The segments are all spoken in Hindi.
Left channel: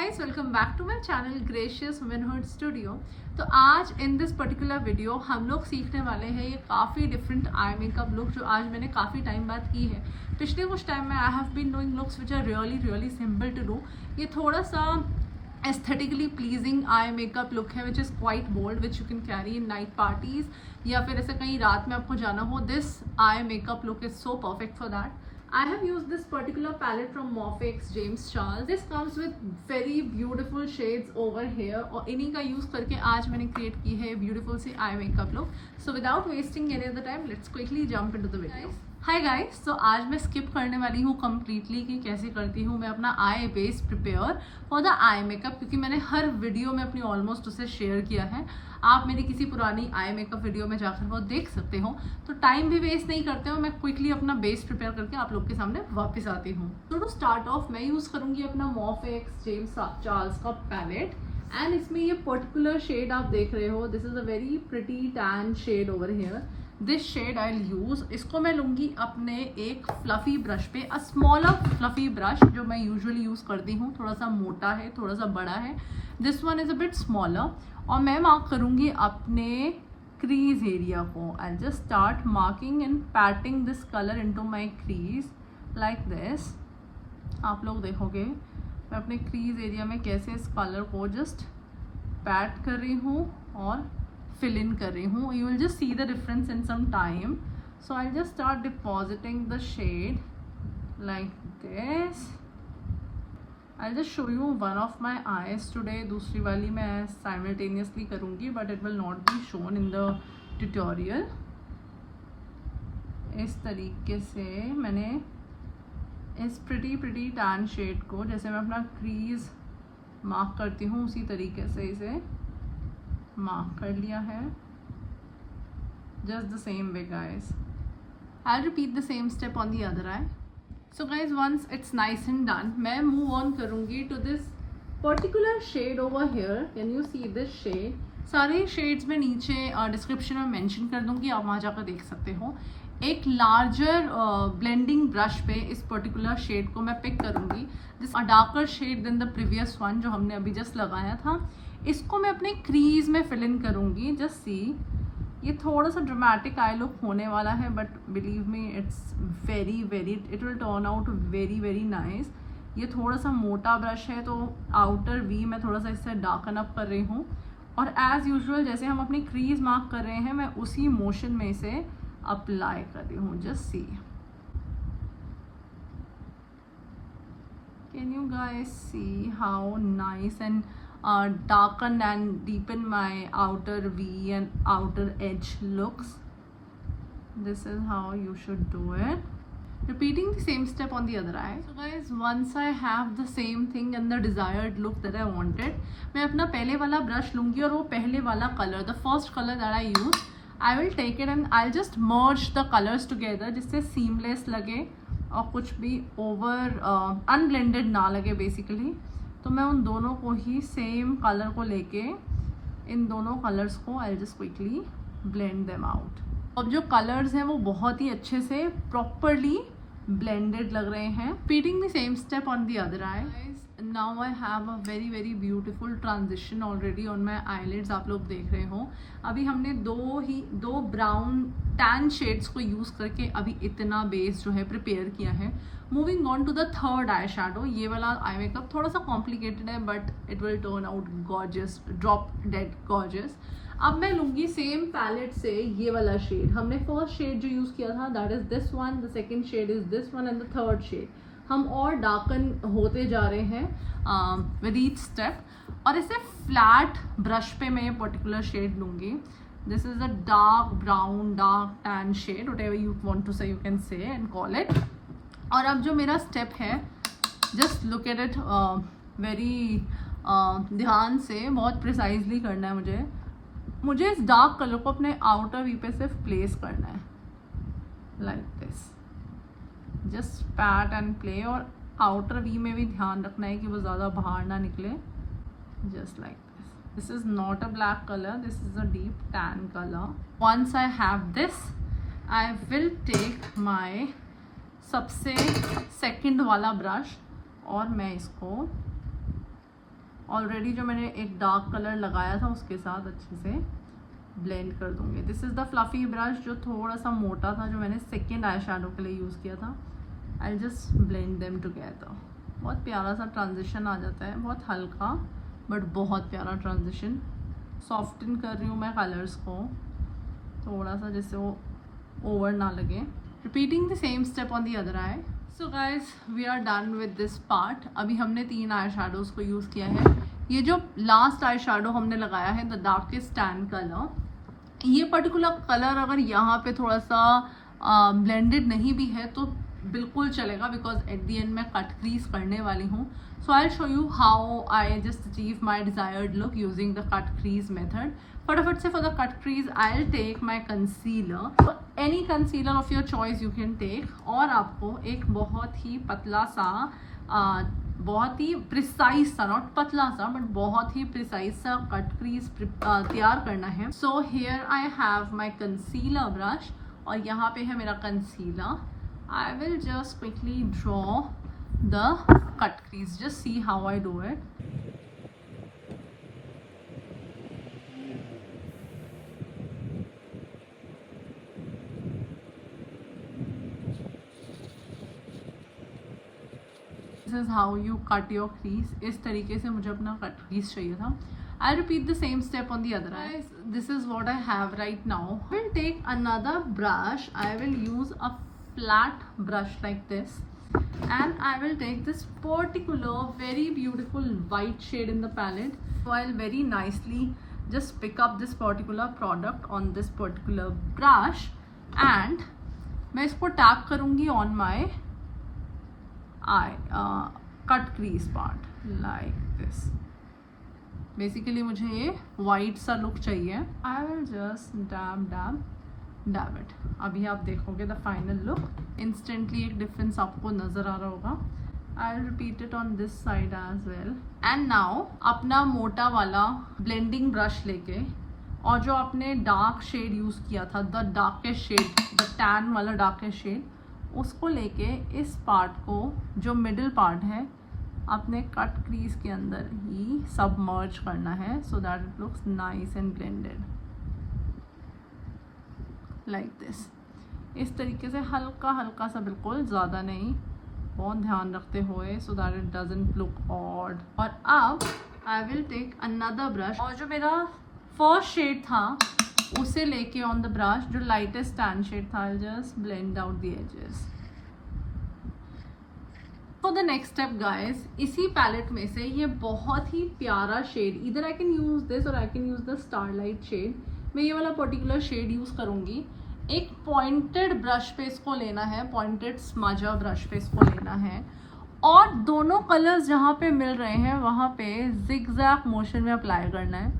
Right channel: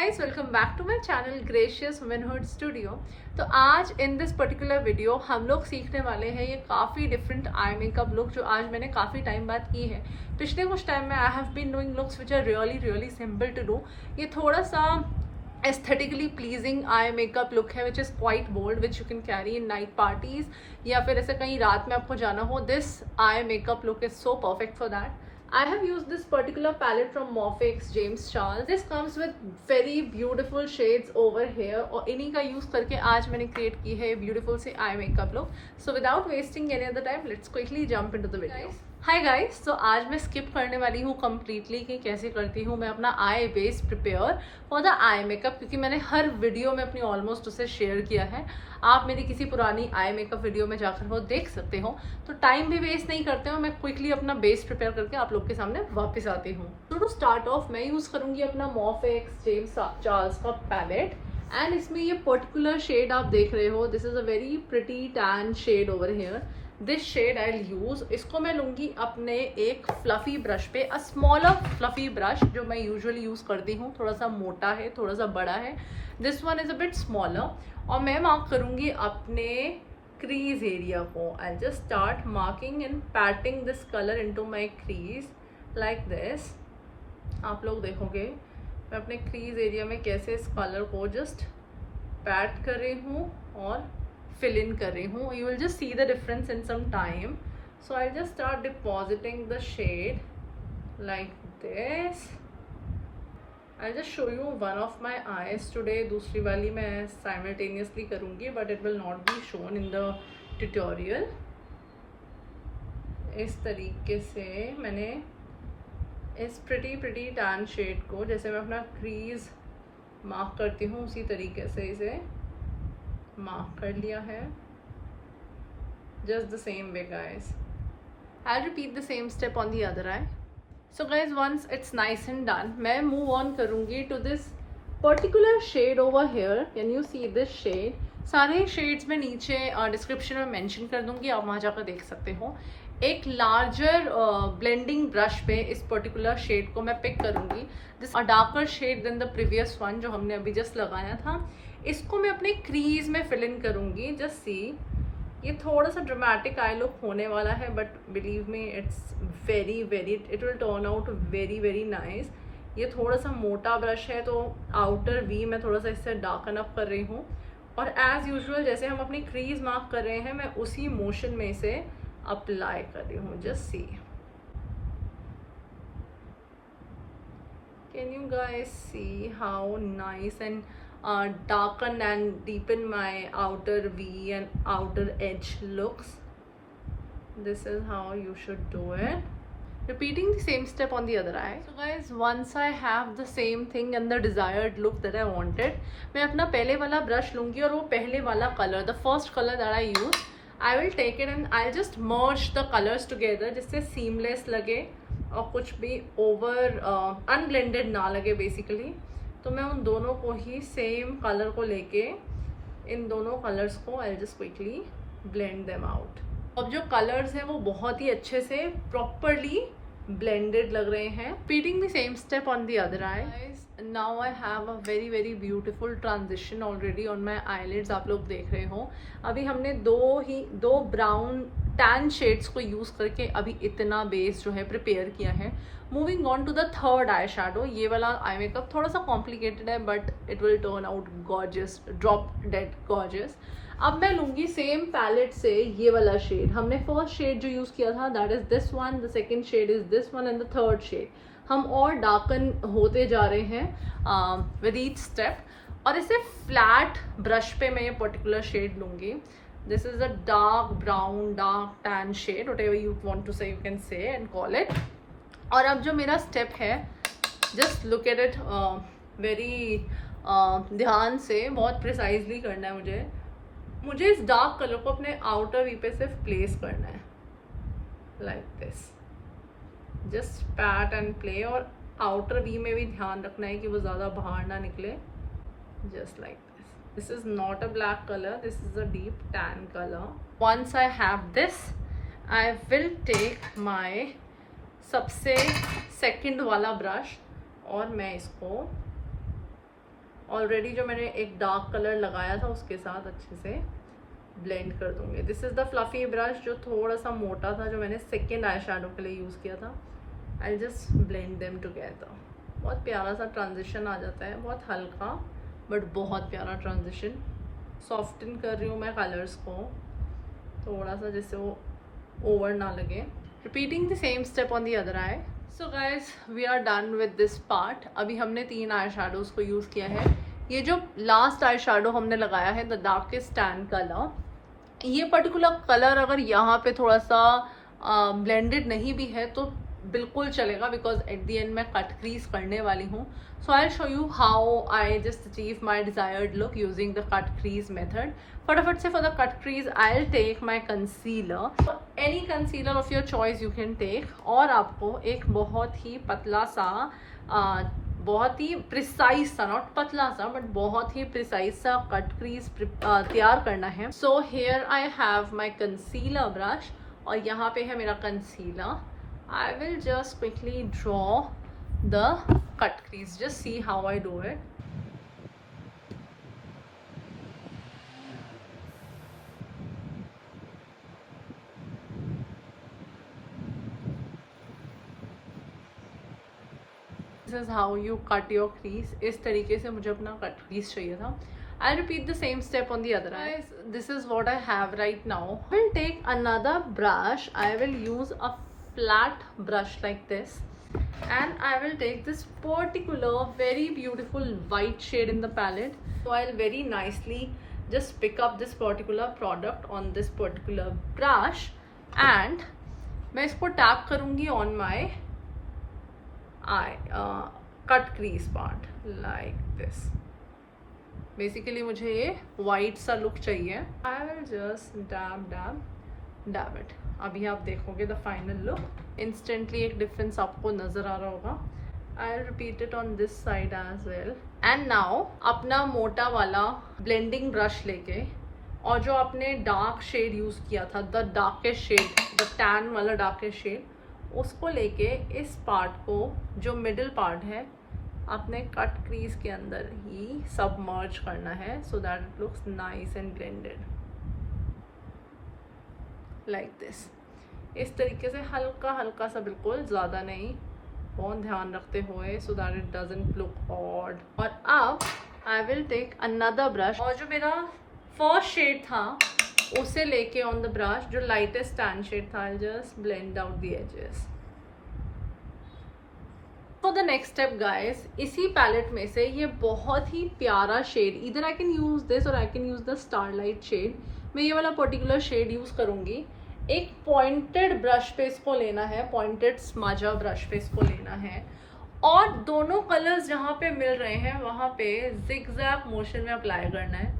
guys, welcome back to my channel Gracious Womanhood Studio। तो आज इन दिस पर्टिकुलर वीडियो हम लोग सीखने वाले हैं ये काफ़ी डिफरेंट आई मेकअप लुक जो आज मैंने काफ़ी टाइम बाद की है। पिछले कुछ टाइम में I have been doing looks which are really simple to do. ये थोड़ा सा aesthetically pleasing eye makeup look है which is quite bold which you can carry in night parties या फिर ऐसे कहीं रात में आपको जाना हो। This eye makeup look is so perfect for that. I have used this particular palette from Morphe X James Charles. This comes with very beautiful shades over here और इन्हीं का यूज़ करके आज मैंने क्रिएट की है ब्यूटीफुल से आई makeup look. So without wasting any other time let's quickly jump into the video. Hi guys, तो आज मैं स्किप करने वाली हूँ कम्प्लीटली कि कैसे करती हूँ मैं अपना eye base prepare for the eye makeup, क्योंकि मैंने हर वीडियो में अपनी ऑलमोस्ट उसे शेयर किया है। आप मेरी किसी पुरानी आई मेकअप वीडियो में जाकर वो देख सकते हो। तो टाइम भी वेस्ट नहीं करते हो, मैं क्विकली अपना बेस प्रिपेयर करके आप लोग के सामने वापस आती हूँ। तो टू स्टार्ट ऑफ मैं यूज़ करूँगी अपना Morphe X James Charles का पैलेट एंड इसमें ये पर्टिकुलर शेड आप देख रहे हो, this is a very pretty tan shade over here. This shade I will use, इसको मैं लूँगी अपने एक फ्लफ़ी ब्रश पे, अ स्मॉलर फ्लफ़ी ब्रश जो मैं यूजुअली यूज़ करती हूँ। थोड़ा सा मोटा है, थोड़ा सा बड़ा है, this one is a bit smaller. और मैं मार्क करूँगी अपने क्रीज एरिया को। I just start marking and patting this colour into my crease like this. आप लोग देखोगे मैं अपने क्रीज एरिया में कैसे इस कलर को जस्ट पैट कर रही हूँ और fill in कर रही हूँ। You will just see the difference in some time. So I'll just start depositing the shade like this. I'll just show you one of my eyes today. दूसरी वाली मैं simultaneously करूँगी but it will not be shown in the tutorial. इस तरीके से मैंने इस pretty tan shade को, जैसे मैं अपना crease मार्क करती हूँ उसी तरीके से इसे मार्क कर लिया है। just the same way guys, I'll repeat the same step on the other eye. So guys, once it's nice and done, मैं move on करूँगी to this particular shade over here. Can you see this shade? सारे shades मैं नीचे डिस्क्रिप्शन में मेंशन कर दूँगी, आप वहाँ जाकर देख सकते हो। एक लार्जर ब्लेंडिंग ब्रश पे इस पर्टिकुलर शेड को मैं पिक करूँगी, this a darker shade than the previous one जो हमने अभी जस्ट लगाया था। इसको मैं अपने क्रीज में फिल इन करूँगी। जस्ट सी, ये थोड़ा सा ड्रामेटिक आई लुक होने वाला है but believe me it's very it will turn out very nice. ये थोड़ा सा मोटा ब्रश है तो आउटर वी मैं थोड़ा सा इससे डार्कन अप कर रही हूँ और एज यूजुअल जैसे हम अपनी क्रीज मार्क कर रहे हैं मैं उसी मोशन में इसे अप्लाई कर रही हूँ। Just see, can you guys see how nice and darken and deepen my outer V and outer edge looks. This is how you should do it. Repeating the same step on the other eye. So guys, once I have the same thing and the desired look that I wanted, मैं अपना पहले वाला ब्रश लूँगी और वो पहले वाला colour, the first color that I use, I will take it and I'll just merge the colors together जिससे seamless लगे और कुछ भी over unblended ना लगे basically। तो मैं उन दोनों को ही सेम कलर को लेके इन दोनों कलर्स को I just quickly blend them out. अब जो कलर्स हैं वो बहुत ही अच्छे से प्रॉपरली ब्लेंडेड लग रहे हैं। Repeating the same step on the other eye. Now I have a very beautiful transition already on my eyelids. आप लोग देख रहे हो अभी हमने दो ब्राउन टैन शेड्स को यूज़ करके अभी इतना बेस जो है प्रिपेयर किया है। Moving on to the third eye shadow. ये वाला आई मेकअप थोड़ा सा कॉम्प्लिकेटेड है but it will turn out gorgeous, drop dead gorgeous. अब मैं लूँगी सेम पैलेट से ये वाला शेड। हमने फर्स्ट शेड जो यूज़ किया था that is this one, the second shade is this one and the third shade हम और डार्कन होते जा रहे हैं विद ईच स्टेप। और इसे फ्लैट ब्रश पे मैं ये पर्टिकुलर शेड लूँगी। This is a dark brown, dark tan shade, whatever you want to say you can say and call it. और अब जो मेरा स्टेप है, just look at it very ध्यान से, बहुत प्रिसाइजली करना है मुझे इस डार्क कलर को अपने आउटर वी पे सिर्फ प्लेस करना है like this. Just PAT and play और आउटर वी में भी ध्यान रखना है कि वो ज़्यादा बाहर ना निकले। Just like this. This is not a black colour, this is a deep tan colour. Once I have this I will take my सबसे सेकंड वाला ब्रश और मैं इसको ऑलरेडी जो मैंने एक डार्क कलर लगाया था उसके साथ अच्छे से ब्लेंड कर दूंगी। This is the fluffy brush जो थोड़ा सा मोटा था, जो मैंने सेकेंड आई शेडो के लिए यूज़ किया था। I just blend them together. बहुत प्यारा सा ट्रांजिशन आ जाता है, बहुत हल्का बट बहुत प्यारा ट्रांजिशन। सॉफ्टन कर रही हूँ मैं कलर्स को थोड़ा सा, जिससे वो ओवर ना लगे। Repeating the same step on the other eye. So guys we are done with this part. अभी हमने 3 आई शेडोज़ को यूज़ किया है। ये जो लास्ट आई शेडो हमने लगाया है, द डार्केस्ट टैन कलर, ये पर्टिकुलर कलर अगर यहाँ पे थोड़ा सा ब्लेंडेड नहीं भी है तो बिल्कुल चलेगा, बिकॉज एट द एंड मैं कट क्रीज करने वाली हूँ। So I show you how I just achieve my desired look using the cut crease method. फटाफट से for the cut crease I will take my concealer, any concealer of your choice you can take, और आपको एक बहुत ही पतला सा बहुत ही प्रिसाइज सा, नॉट पतला सा बट बहुत ही प्रिसाइज सा कट क्रीज तैयार करना है। So here I have my concealer brush और यहाँ पे है मेरा concealer. I will just quickly draw the cut crease. Just see how I do it. This is how you cut your crease. इस तरीके से मुझे अपना cut crease चाहिए था। I'll repeat the same step on the other eye. This is what I have right now. I will take another brush. I will use a flat brush like this, and I will take this particular very beautiful white shade in the palette. So I'll very nicely just pick up this particular product on this particular brush, and मैं इसको टैप करूँगी on my eye cut crease part like this. Basically मुझे ये वाइट सा लुक चाहिए। I will just dab dab dab it. अभी आप देखोगे द फाइनल लुक, इंस्टेंटली एक डिफरेंस आपको नज़र आ रहा होगा। I will repeat it on this side as well. And now अपना मोटा वाला ब्लेंडिंग ब्रश लेके, और जो आपने डार्क शेड यूज़ किया था, the darkest shade, the tan वाला डार्केस्ट शेड, उसको लेके इस पार्ट को, जो मिडिल पार्ट है, अपने कट क्रीज के अंदर ही सबमर्ज करना है, सो that it looks nice and blended like this. इस तरीके से हल्का हल्का सा, बिल्कुल ज़्यादा नहीं, बहुत ध्यान रखते हुए, so that it doesn't look odd. और अब I will take another brush, और जो मेरा फर्स्ट शेड था उसे लेके ऑन द ब्रश, जो लाइटेस्ट टैन शेड था, I just blend out the edges. For the next step guys, इसी पैलेट में से ये बहुत ही प्यारा शेड, इधर आई कैन यूज दिस और I can use the starlight shade. मैं ये वाला पर्टिकुलर शेड यूज करूंगी। एक पॉइंटेड ब्रश पे इसको लेना है, पॉइंटेड स्माजा ब्रश पे इसको लेना है, और दोनों कलर्स जहाँ पे मिल रहे हैं वहाँ पे जिगजैग मोशन में अप्लाई करना है,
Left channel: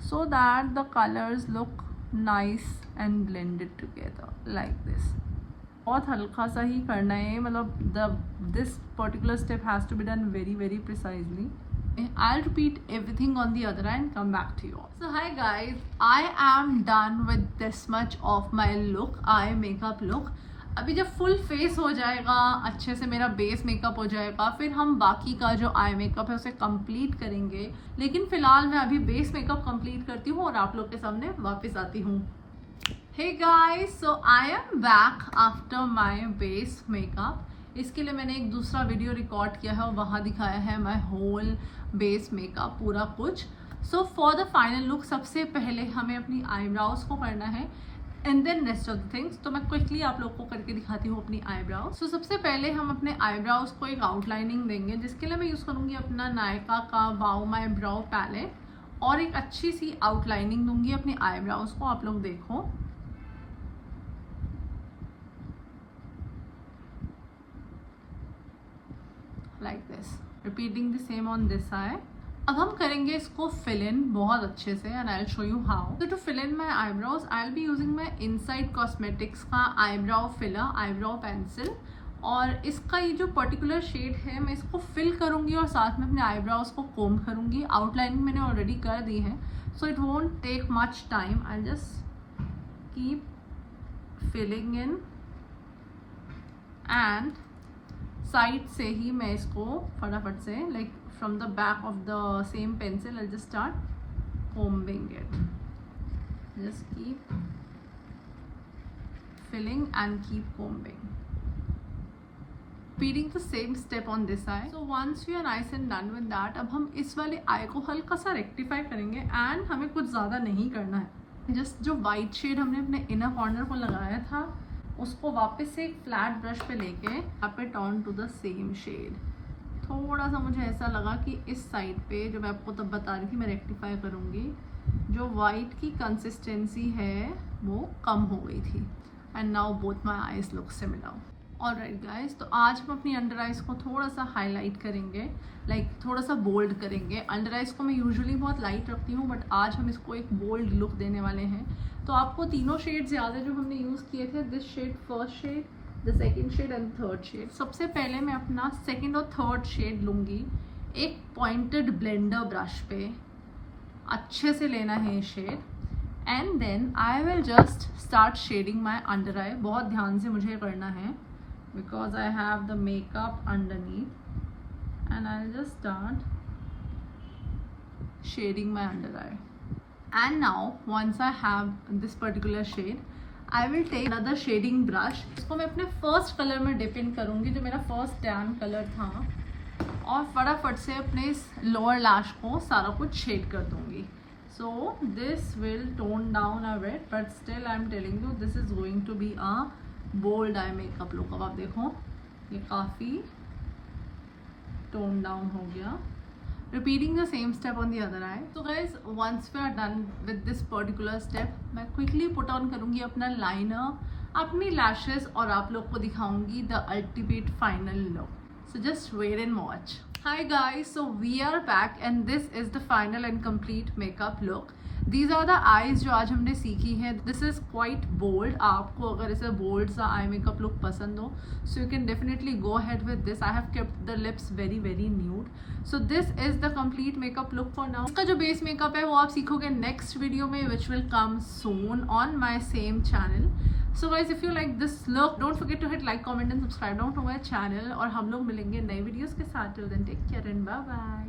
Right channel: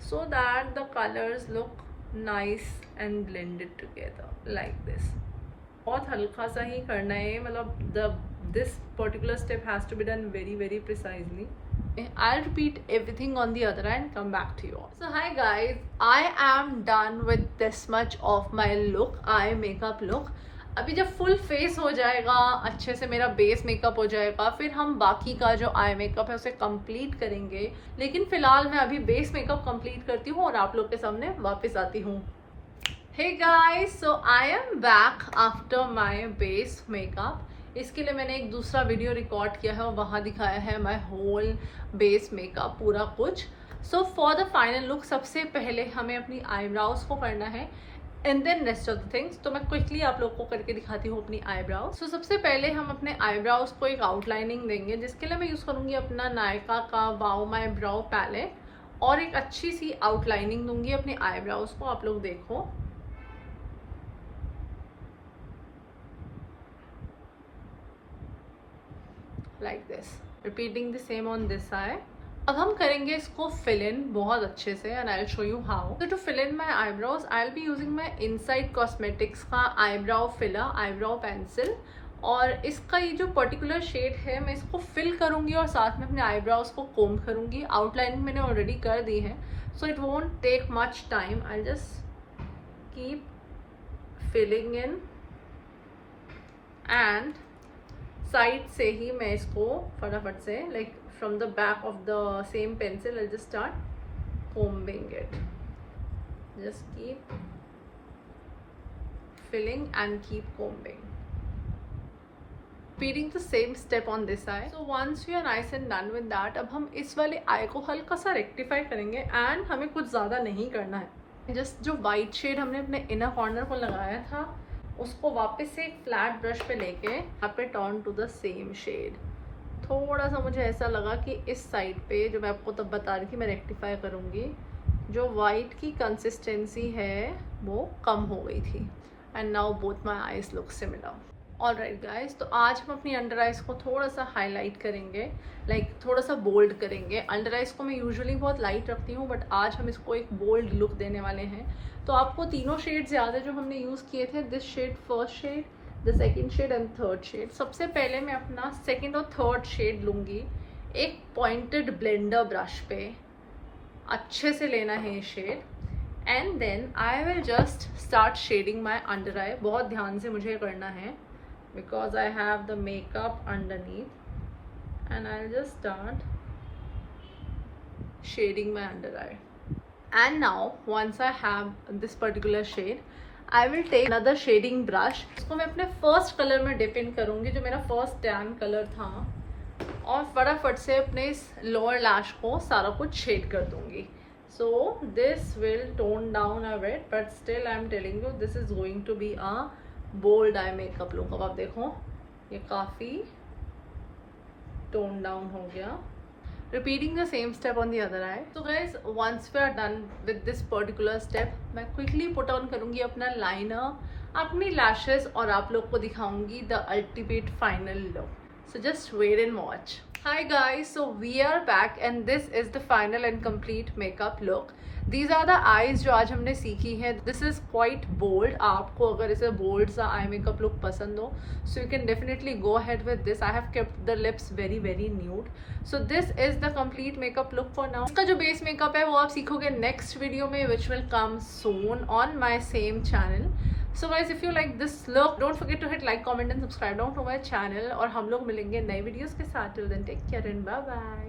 so that the colours look nice and blended together like this. बहुत हल्का सा ही करना है, मतलब this particular step has to be done very very precisely. I'll repeat everything on the other and come back to you all. So hi guys, I am done with this much of my look, eye makeup look. अभी जब फुल फेस हो जाएगा, अच्छे से मेरा बेस मेकअप हो जाएगा, फिर हम बाकी का जो आई मेकअप है उसे कंप्लीट करेंगे। लेकिन फिलहाल मैं अभी बेस मेकअप कंप्लीट करती हूँ और आप लोग के सामने वापस आती हूँ। Hey guys, so I am back after my base makeup. इसके लिए मैंने एक दूसरा वीडियो रिकॉर्ड किया है और वहाँ दिखाया है माई होल बेस मेकअप, पूरा कुछ। So for the final look, सबसे पहले हमें अपनी आईब्राउज को करना है, and then rest of the things. तो मैं क्विकली आप लोग को करके दिखाती हूँ अपनी आईब्राउज। सो सबसे पहले हम अपने आईब्राउज को एक आउटलाइनिंग देंगे, जिसके लिए मैं यूज़ करूँगी अपना नायका का वाओ माई ब्राउ पैलेट, और एक अच्छी सी आउटलाइनिंग दूंगी अपनी आईब्राउज को। आप लोग देखो, like this, repeating the same on this eye. अब हम करेंगे इसको fill in बहुत अच्छे से, and I'll show you how. So to fill in my eyebrows, I'll be using my Inside Cosmetics का eyebrow filler, eyebrow pencil, और इसका ये जो पर्टिकुलर शेड है, मैं इसको फिल करूँगी और साथ में अपने आईब्राउज को कोम करूँगी। आउटलाइनिंग मैंने ऑलरेडी कर दी है, so it won't take much time. I just keep filling in, and side से ही मैं इसको फटाफट से from the back of the same pencil I'll just start combing it. Just keep filling and keep combing. Repeating the same step on this eye. So once we are nice and done with that, अब हम इस वाले आई को हल्का सा रेक्टिफाई करेंगे एंड हमें कुछ ज़्यादा नहीं करना है. जस्ट जो वाइट शेड हमने अपने इनर कॉर्नर को लगाया था उसको वापस से एक फ्लैट ब्रश पे लेके यहाँ पे turn to the same shade. थोड़ा सा मुझे ऐसा लगा कि इस साइड पे जो मैं आपको तब बता रही थी मैं रेक्टिफाई करूँगी, जो वाइट की कंसिस्टेंसी है वो कम हो गई थी. And now both my eyes look similar. Alright guys, तो आज हम अपनी अंडर आइज़ को थोड़ा सा हाईलाइट करेंगे, थोड़ा सा बोल्ड करेंगे. अंडर आइज़ को मैं यूजुअली बहुत लाइट रखती हूँ बट आज हम इसको एक बोल्ड लुक देने वाले हैं. तो आपको तीनों शेड्स याद है जो हमने यूज़ किए थे, this shade, first shade, the second shade and third shade. सबसे पहले मैं अपना सेकेंड और थर्ड शेड लूँगी. एक पॉइंटेड ब्लेंडर ब्रश पे अच्छे से लेना है ये shade and then I will just start shading my under eye. बहुत ध्यान से मुझे करना है because I have the makeup underneath and I'll just start shading my under eye. And now once I have this particular shade I will take another shading brush. इसको मैं अपने फर्स्ट कलर में डिप इन करूँगी जो मेरा फर्स्ट टैन कलर था और फटाफट से अपने इस लोअर लैश को सारा कुछ शेड कर दूँगी. So this will tone down a bit but still I am telling you this is going to be a bold eye makeup look. अब आप देखो ये काफ़ी टोन डाउन हो गया. Repeating the same step on the other eye. तो guys once we are done with this particular step मैं क्विकली पुट ऑन करूँगी अपना लाइनर, अपनी लैशेस और आप लोग को दिखाऊंगी the ultimate final look. So just wait and watch. Hi guys, so we are back and this is the final and complete makeup look. These are the eyes जो आज हमने सीखी है. This is quite bold. आपको अगर इसे bold सा eye makeup look पसंद हो so you can definitely go ahead with this. I have kept the lips very very nude. So this is the complete makeup look for now. इसका जो base makeup है वो आप सीखोगे next video में which will come soon on my same channel. So guys if you like this look don't forget to hit like, comment and subscribe down to my channel और हम लोग मिलेंगे नए वीडियोस के साथ. Till then take care and bye bye.